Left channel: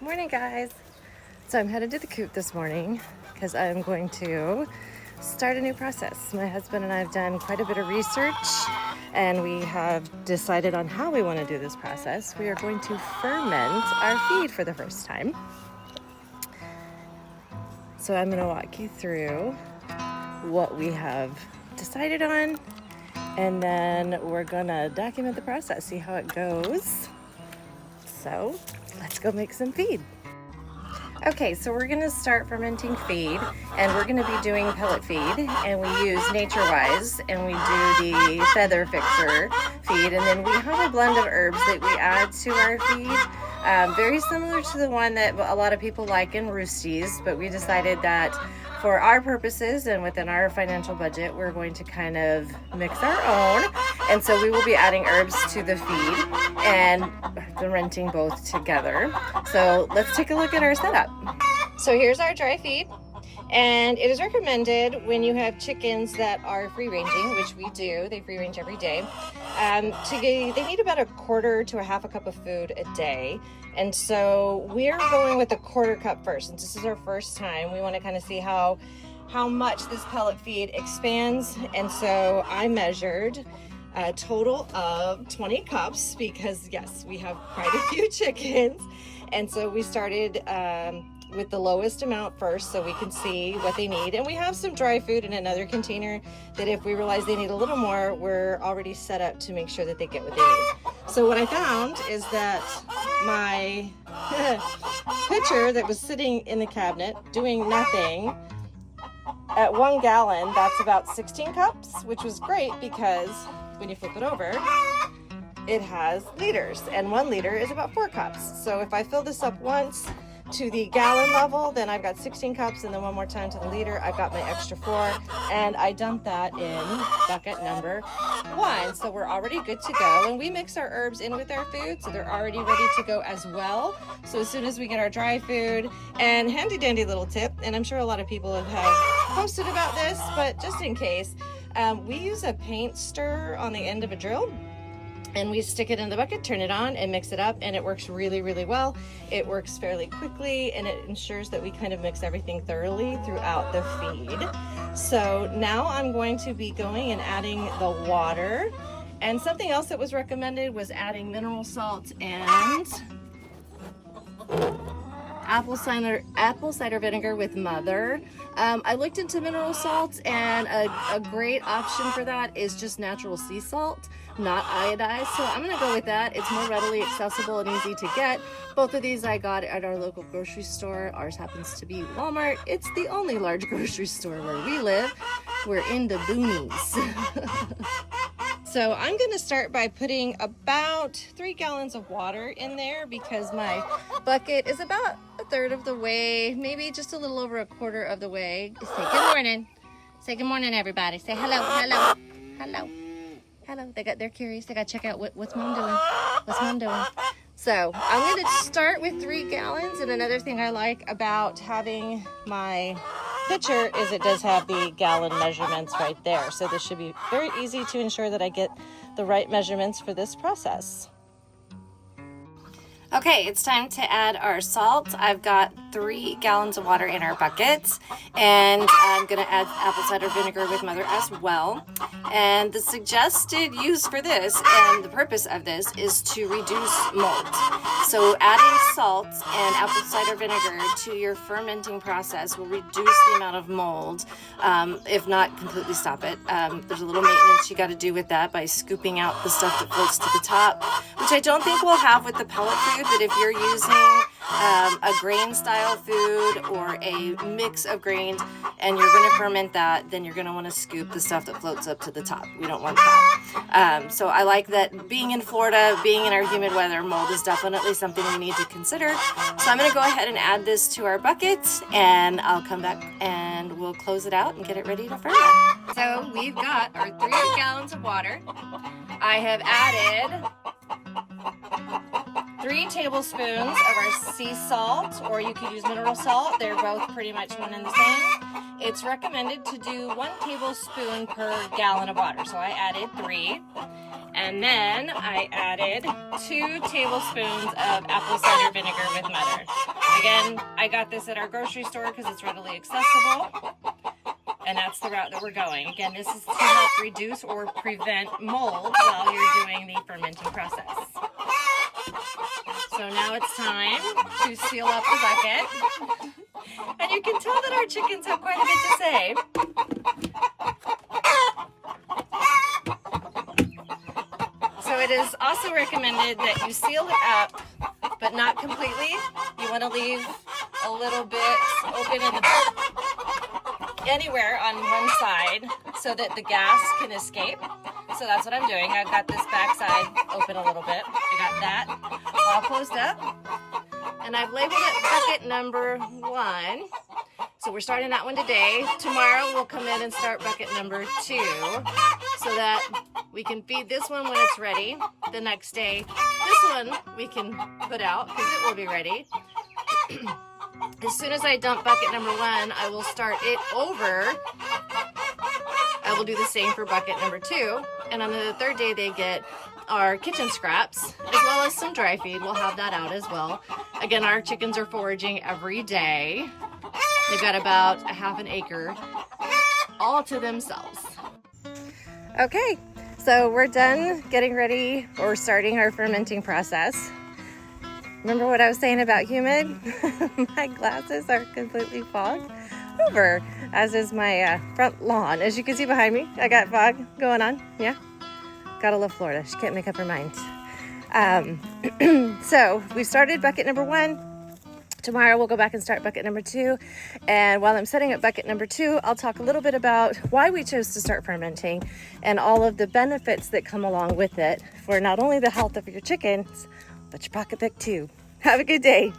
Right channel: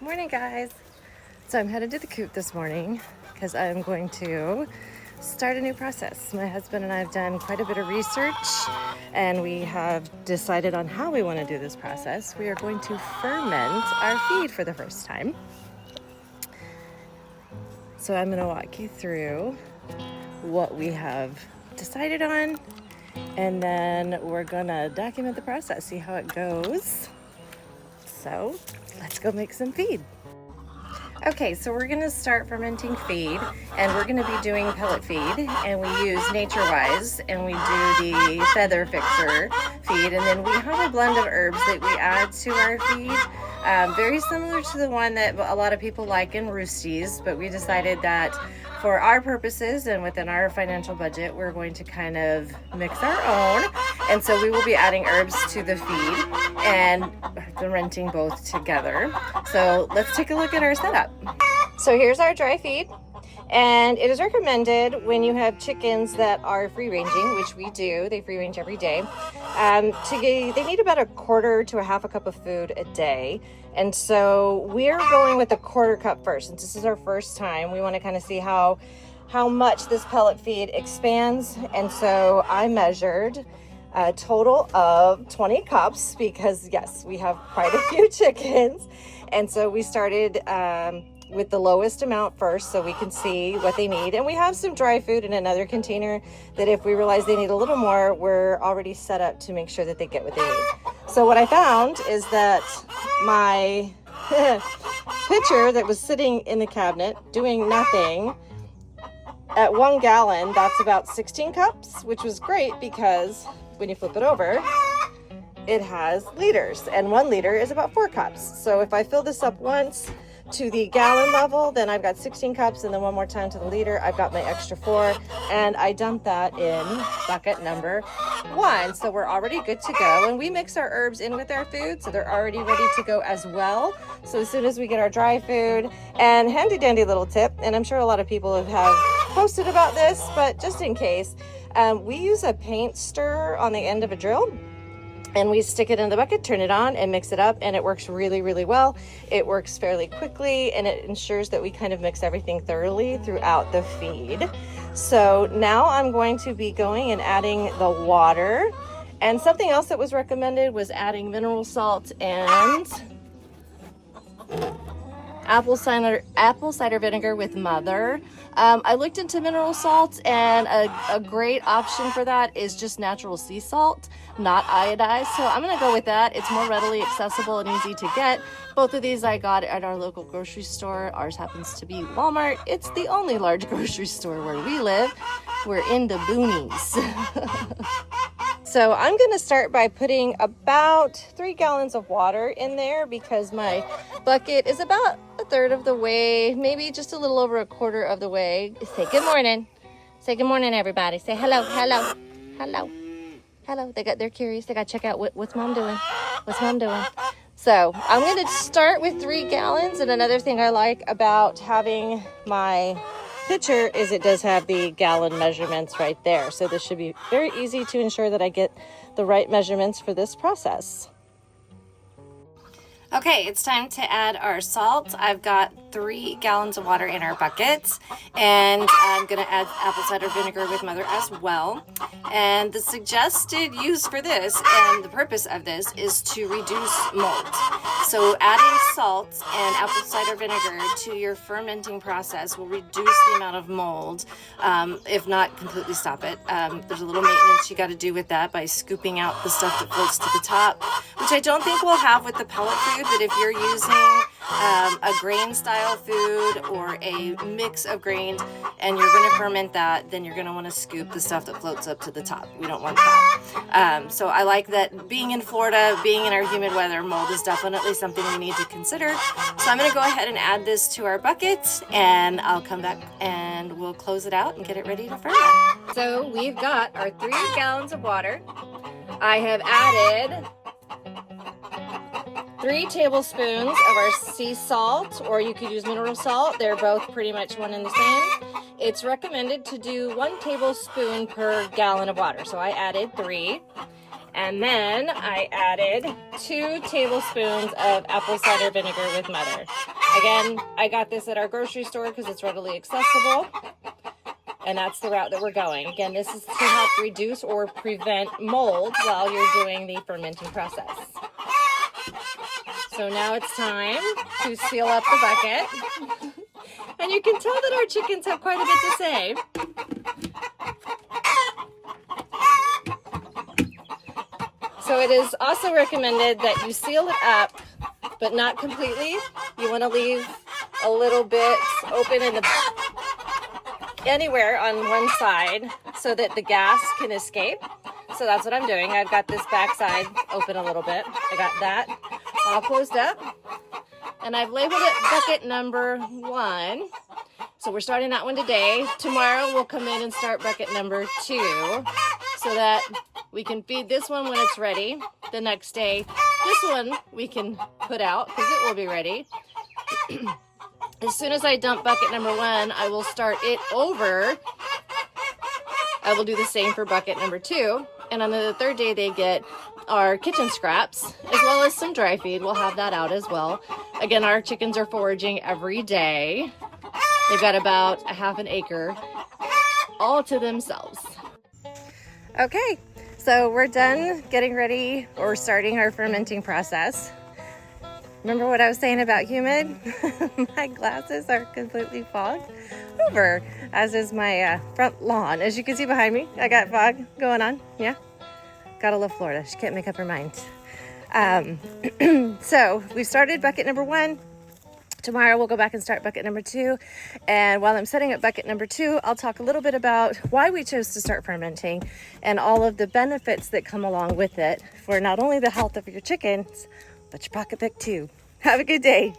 Morning, guys. So I'm headed to the coop this morning because I'm going to start a new process. My husband and I have done quite a bit of research and we have decided on how we want to do this process. We are going to ferment our feed for the first time. So I'm going to walk you through what we have decided on, and then we're going to document the process, see how it goes. So let's go make some feed. Okay, so we're gonna start fermenting feed, and we're gonna be doing pellet feed, and we use NatureWise, and we do the feather fixer feed, and then we have a blend of herbs that we add to our feed, very similar to the one that a lot of people like in Roosties, but we decided that for our purposes and within our financial budget, we're going to kind of mix our own, and so we will be adding herbs to the feed and fermenting both together. So let's take a look at our setup. So here's our dry feed, and it is recommended when you have chickens that are free ranging, which we do, they free range every day, they need about a quarter to a half a cup of food a day. And so we're going with a quarter cup first, since this is our first time. We want to kind of see how much this pellet feed expands, and so I measured a total of 20 cups because yes, we have quite a few chickens, and so we started with the lowest amount first so we can see what they need. And we have some dry food in another container that if we realize they need a little more, we're already set up to make sure that they get what they need. So what I found is that my pitcher that was sitting in the cabinet doing nothing, at 1 gallon, that's about 16 cups, which was great because when you flip it over, it has liters, and 1 liter is about 4 cups. So if I fill this up once to the gallon level, then I've got 16 cups, and then one more time to the liter, I've got my extra 4, and I dumped that in bucket number 1. So we're already good to go, and we mix our herbs in with our food, so they're already ready to go as well. So as soon as we get our dry food, and handy dandy little tip, and I'm sure a lot of people have posted about this, but just in case, we use a paint stirrer on the end of a drill, and we stick it in the bucket, turn it on, and mix it up, and it works really, really well. It works fairly quickly, and it ensures that we kind of mix everything thoroughly throughout the feed. So now I'm going to be going and adding the water, and something else that was recommended was adding mineral salt and apple cider vinegar with Mother. I looked into mineral salts, and a great option for that is just natural sea salt, not iodized. So I'm gonna go with that. It's more readily accessible and easy to get. Both of these I got at our local grocery store. Ours happens to be Walmart. It's the only large grocery store where we live. We're in the boonies. So I'm gonna start by putting about 3 gallons of water in there because my bucket is about a third of the way, maybe just a little over a quarter of the way. Say good morning. Say good morning, everybody. Say hello, hello, hello, hello. They're curious. They gotta check out what's mom doing. What's mom doing? So I'm gonna start with 3 gallons. And another thing I like about having my pitcher is it does have the gallon measurements right there. So this should be very easy to ensure that I get the right measurements for this process. Okay, it's time to add our salt. I've got 3 gallons of water in our buckets, and I'm gonna add apple cider vinegar with Mother as well. And the suggested use for this and the purpose of this is to reduce mold. So adding salt and apple cider vinegar to your fermenting process will reduce the amount of mold, if not completely stop it. There's a little maintenance you gotta do with that by scooping out the stuff that floats to the top, which I don't think we'll have with the pellet food, but if you're using a grain style food or a mix of grains and you're going to ferment that, then you're going to want to scoop the stuff that floats up to the top. We don't want that. So I like that being in Florida, being in our humid weather, mold is definitely something we need to consider. So I'm going to go ahead and add this to our bucket, and I'll come back and we'll close it out and get it ready to ferment. So we've got our 3 gallons of water. I have added 3 tablespoons of our sea salt, or you could use mineral salt. They're both pretty much one and the same. It's recommended to do 1 tablespoon per gallon of water. So I added 3. And then I added 2 tablespoons of apple cider vinegar with mother. Again, I got this at our grocery store because it's readily accessible. And that's the route that we're going. Again, this is to help reduce or prevent mold while you're doing the fermenting process. So now it's time to seal up the bucket. And you can tell that our chickens have quite a bit to say. So it is also recommended that you seal it up, but not completely. You want to leave a little bit open in the anywhere on one side so that the gas can escape. So that's what I'm doing. I've got this back side open a little bit. I got that all closed up. And I've labeled it bucket number 1. So we're starting that one today. Tomorrow we'll come in and start bucket number 2 so that we can feed this one when it's ready. The next day, this one we can put out because it will be ready. As soon as I dump bucket number 1, I will start it over. I will do the same for bucket number 2. And on the 3rd day, they get our kitchen scraps, as well as some dry feed. We'll have that out as well. Again, our chickens are foraging every day. They've got about a half an acre all to themselves. Okay, so we're done getting ready or starting our fermenting process. Remember what I was saying about humid? My glasses are completely fogged over, as is my front lawn. As you can see behind me, I got fog going on. Yeah, gotta love Florida. She can't make up her mind. So we've started bucket number 1. Tomorrow we'll go back and start bucket number 2. And while I'm setting up bucket number 2, I'll talk a little bit about why we chose to start fermenting and all of the benefits that come along with it for not only the health of your chickens, but your pocketbook too. Have a good day.